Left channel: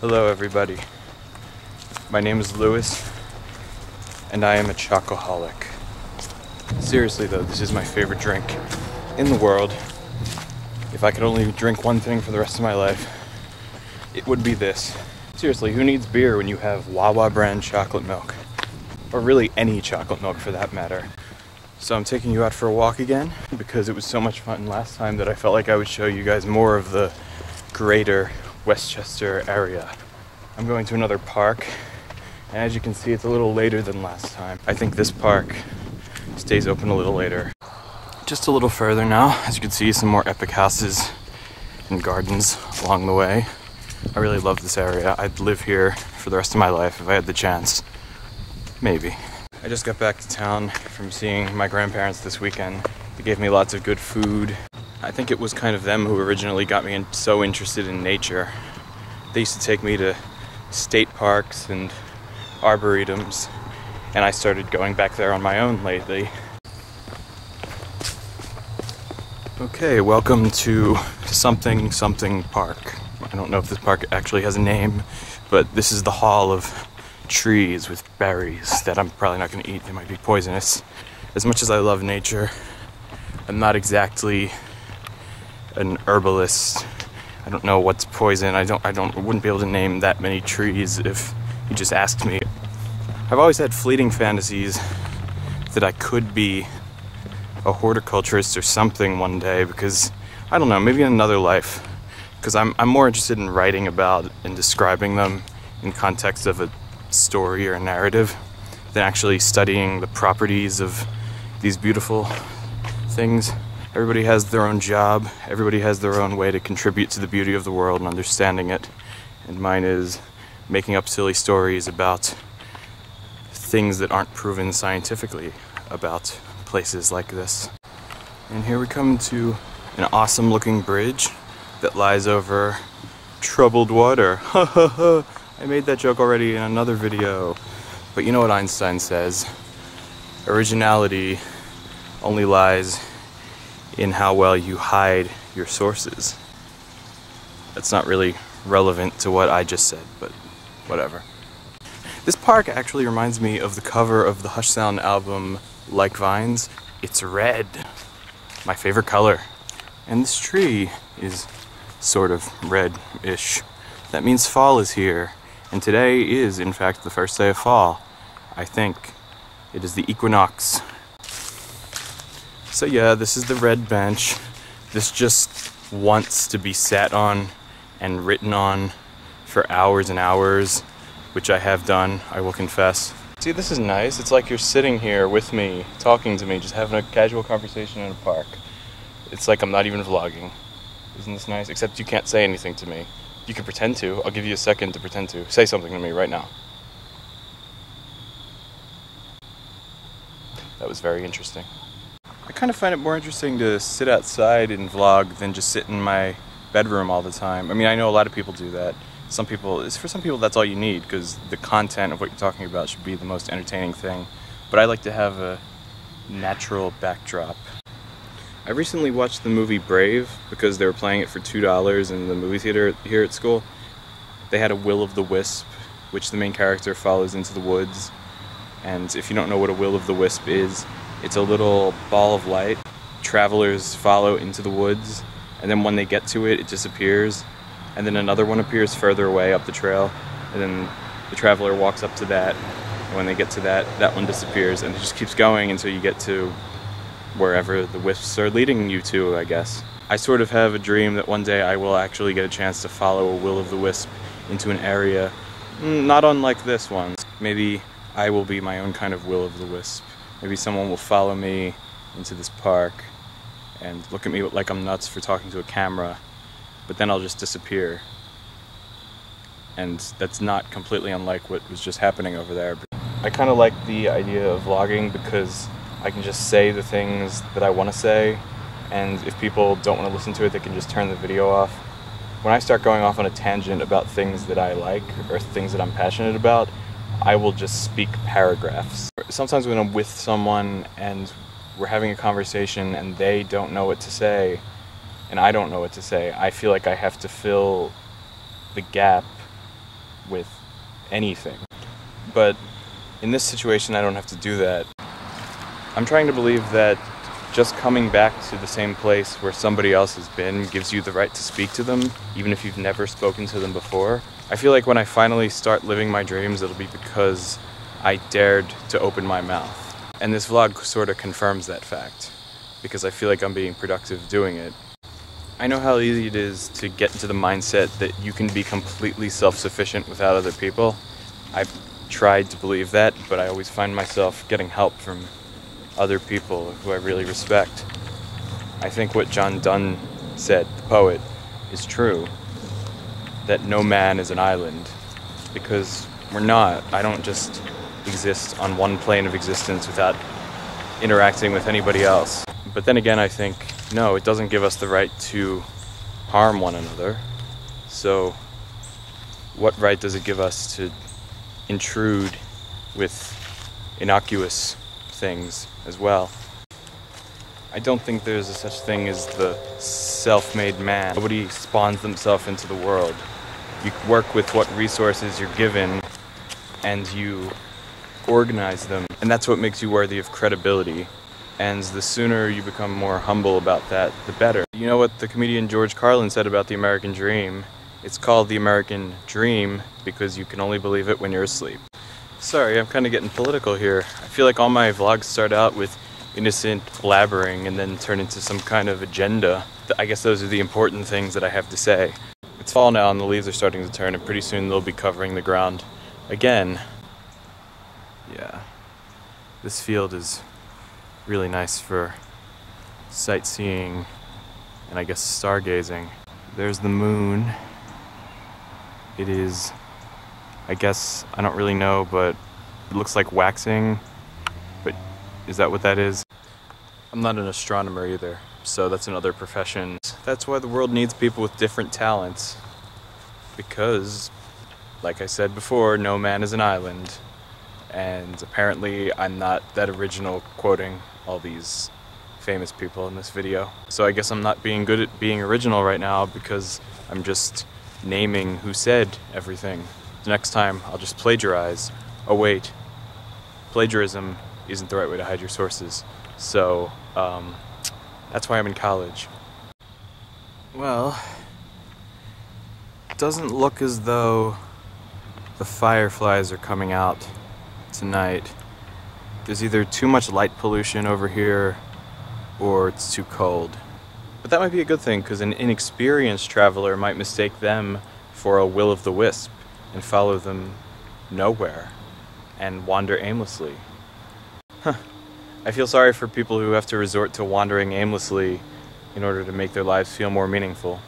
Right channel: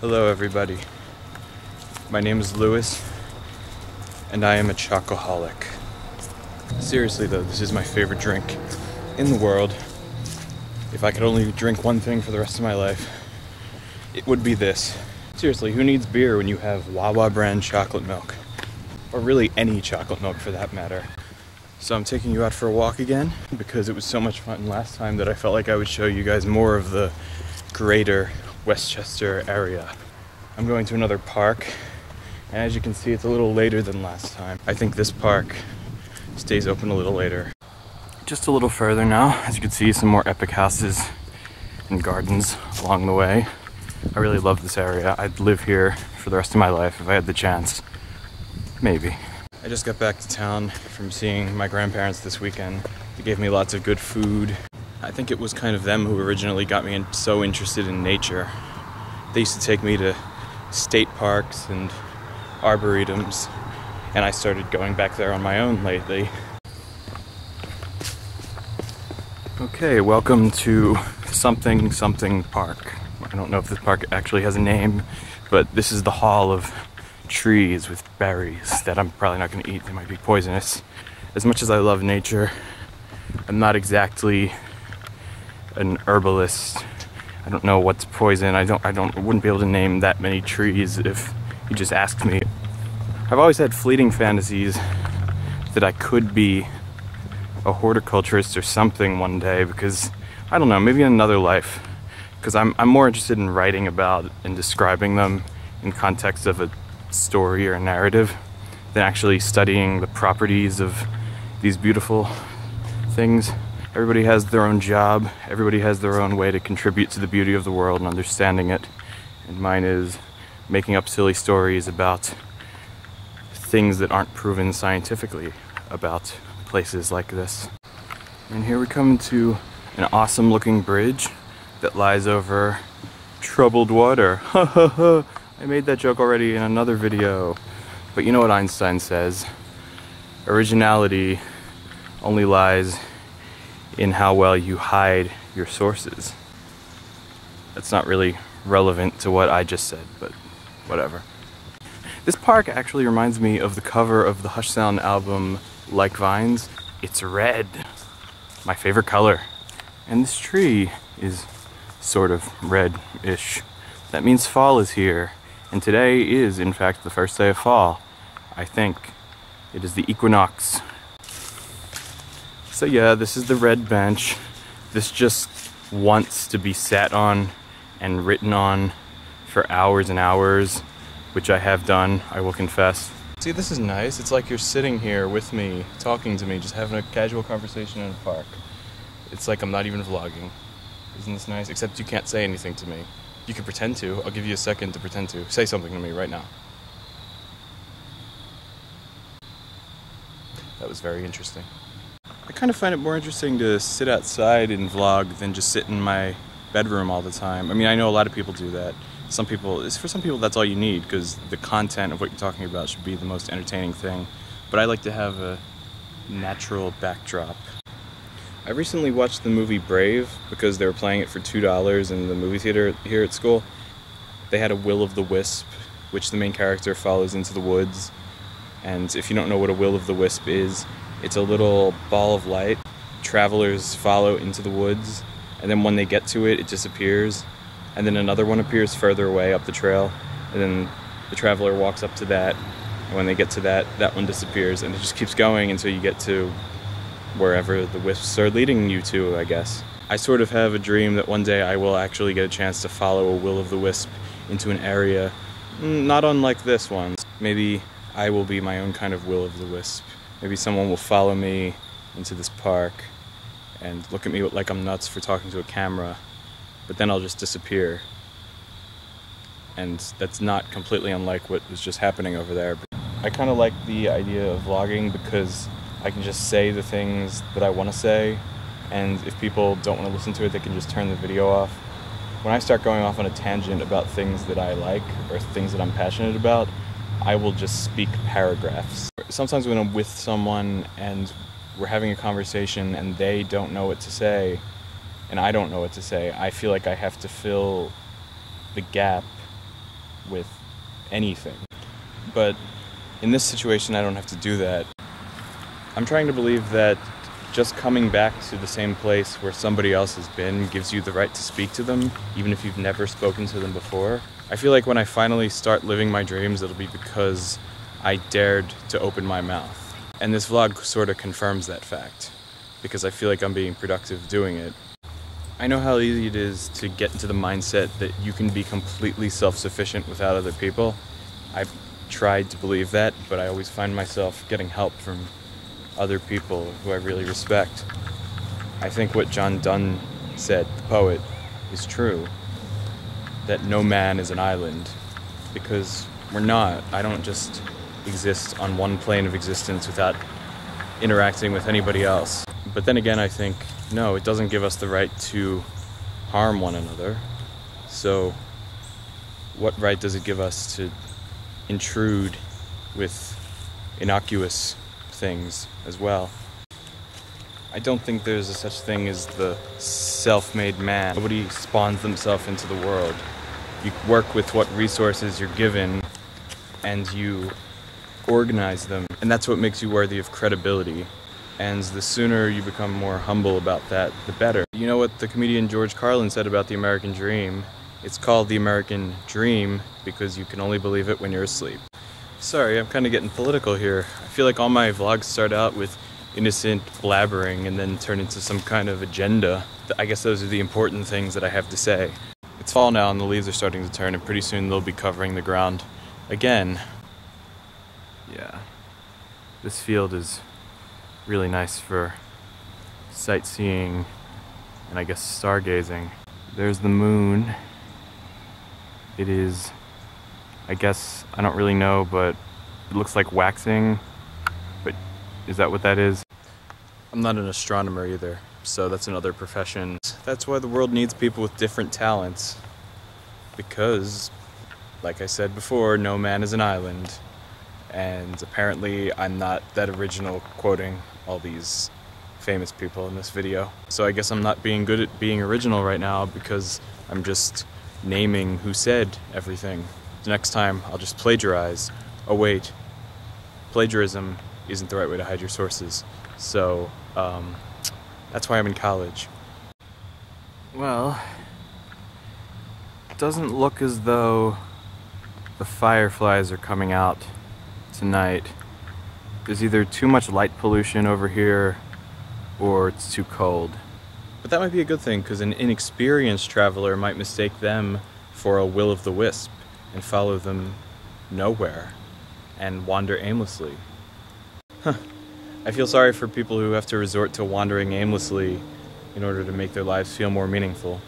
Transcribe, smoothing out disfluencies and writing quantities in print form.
Hello everybody, my name is Louis, and I am a chocoholic. Seriously though, this is my favorite drink in the world. If I could only drink one thing for the rest of my life, it would be this. Seriously, who needs beer when you have Wawa brand chocolate milk? Or really any chocolate milk for that matter. So I'm taking you out for a walk again because it was so much fun last time that I felt like I would show you guys more of the greater Westchester area. I'm going to another park, and as you can see, it's a little later than last time. I think this park stays open a little later. Just a little further now, as you can see, some more epic houses and gardens along the way. I really love this area. I'd live here for the rest of my life if I had the chance. Maybe. I just got back to town from seeing my grandparents this weekend. They gave me lots of good food. I think it was kind of them who originally got me so interested in nature. They used to take me to state parks and arboretums, and I started going back there on my own lately. Okay, welcome to something park. I don't know if this park actually has a name, but this is the hall of trees with berries that I'm probably not going to eat. They might be poisonous. As much as I love nature, I'm not exactly an herbalist. I don't know what's poison. I wouldn't be able to name that many trees if you just asked me. I've always had fleeting fantasies that I could be a horticulturist or something one day, because I don't know, maybe in another life, because I'm more interested in writing about and describing them in context of a story or narrative than actually studying the properties of these beautiful things. Everybody has their own job, everybody has their own way to contribute to the beauty of the world and understanding it. And mine is making up silly stories about things that aren't proven scientifically about places like this. And here we come to an awesome looking bridge that lies over troubled water. I made that joke already in another video. But you know what Einstein says? Originality only lies in how well you hide your sources. That's not really relevant to what I just said, but whatever. This park actually reminds me of the cover of the Hush Sound album, Like Vines. It's red, my favorite color. And this tree is sort of red-ish. That means fall is here, and today is, in fact, the first day of fall. I think it is the equinox. So yeah, this is the red bench. This just wants to be sat on and written on for hours and hours, which I have done, I will confess. See, this is nice. It's like you're sitting here with me, talking to me, just having a casual conversation in a park. It's like I'm not even vlogging. Isn't this nice? Except you can't say anything to me. You can pretend to. I'll give you a second to pretend to. Say something to me right now. That was very interesting. I kind of find it more interesting to sit outside and vlog than just sit in my bedroom all the time. I mean, I know a lot of people do that. For some people that's all you need, because the content of what you're talking about should be the most entertaining thing. But I like to have a natural backdrop. I recently watched the movie Brave because they were playing it for $2 in the movie theater here at school. They had a will of the wisp, which the main character follows into the woods. And if you don't know what a will of the wisp is, it's a little ball of light. Travelers follow into the woods, and then when they get to it, it disappears. And then another one appears further away up the trail, and then the traveler walks up to that, and when they get to that, that one disappears, and it just keeps going until you get to wherever the wisps are leading you to, I guess. I sort of have a dream that one day I will actually get a chance to follow a will of the wisp into an area not unlike this one. Maybe I will be my own kind of will of the wisp. Maybe someone will follow me into this park and look at me like I'm nuts for talking to a camera, but then I'll just disappear. And that's not completely unlike what was just happening over there. I kind of like the idea of vlogging because I can just say the things that I want to say, and if people don't want to listen to it, they can just turn the video off. When I start going off on a tangent about things that I like or things that I'm passionate about, I will just speak paragraphs. Sometimes when I'm with someone and we're having a conversation and they don't know what to say and I don't know what to say, I feel like I have to fill the gap with anything. But in this situation, I don't have to do that. I'm trying to believe that just coming back to the same place where somebody else has been gives you the right to speak to them, even if you've never spoken to them before. I feel like when I finally start living my dreams, it'll be because I dared to open my mouth. And this vlog sort of confirms that fact, because I feel like I'm being productive doing it. I know how easy it is to get into the mindset that you can be completely self-sufficient without other people. I've tried to believe that, but I always find myself getting help from other people who I really respect. I think what John Donne said, the poet, is true, that no man is an island, because we're not. I don't just exist on one plane of existence without interacting with anybody else. But then again, I think, no, it doesn't give us the right to harm one another. So what right does it give us to intrude with innocuous things as well? I don't think there's a such thing as the self-made man. Nobody spawns themselves into the world. You work with what resources you're given and you organize them, and that's what makes you worthy of credibility. And the sooner you become more humble about that, the better. You know what the comedian George Carlin said about the American dream? It's called the American dream because you can only believe it when you're asleep. Sorry, I'm kind of getting political here. I feel like all my vlogs start out with innocent blabbering and then turn into some kind of agenda. I guess those are the important things that I have to say. It's fall now and the leaves are starting to turn, and pretty soon they'll be covering the ground again. Yeah, this field is really nice for sightseeing and I guess stargazing. There's the moon. It is, I guess, I don't really know, but it looks like waxing. But is that what that is? I'm not an astronomer either, so that's another profession. That's why the world needs people with different talents. Because, like I said before, no man is an island. And apparently I'm not that original quoting all these famous people in this video. So I guess I'm not being good at being original right now because I'm just naming who said everything. The next time I'll just plagiarize. Oh wait, plagiarism isn't the right way to hide your sources. So that's why I'm in college. Well, it doesn't look as though the fireflies are coming out tonight. There's either too much light pollution over here or it's too cold. But that might be a good thing, because an inexperienced traveler might mistake them for a will-o'-the-wisp and follow them nowhere and wander aimlessly. I feel sorry for people who have to resort to wandering aimlessly in order to make their lives feel more meaningful.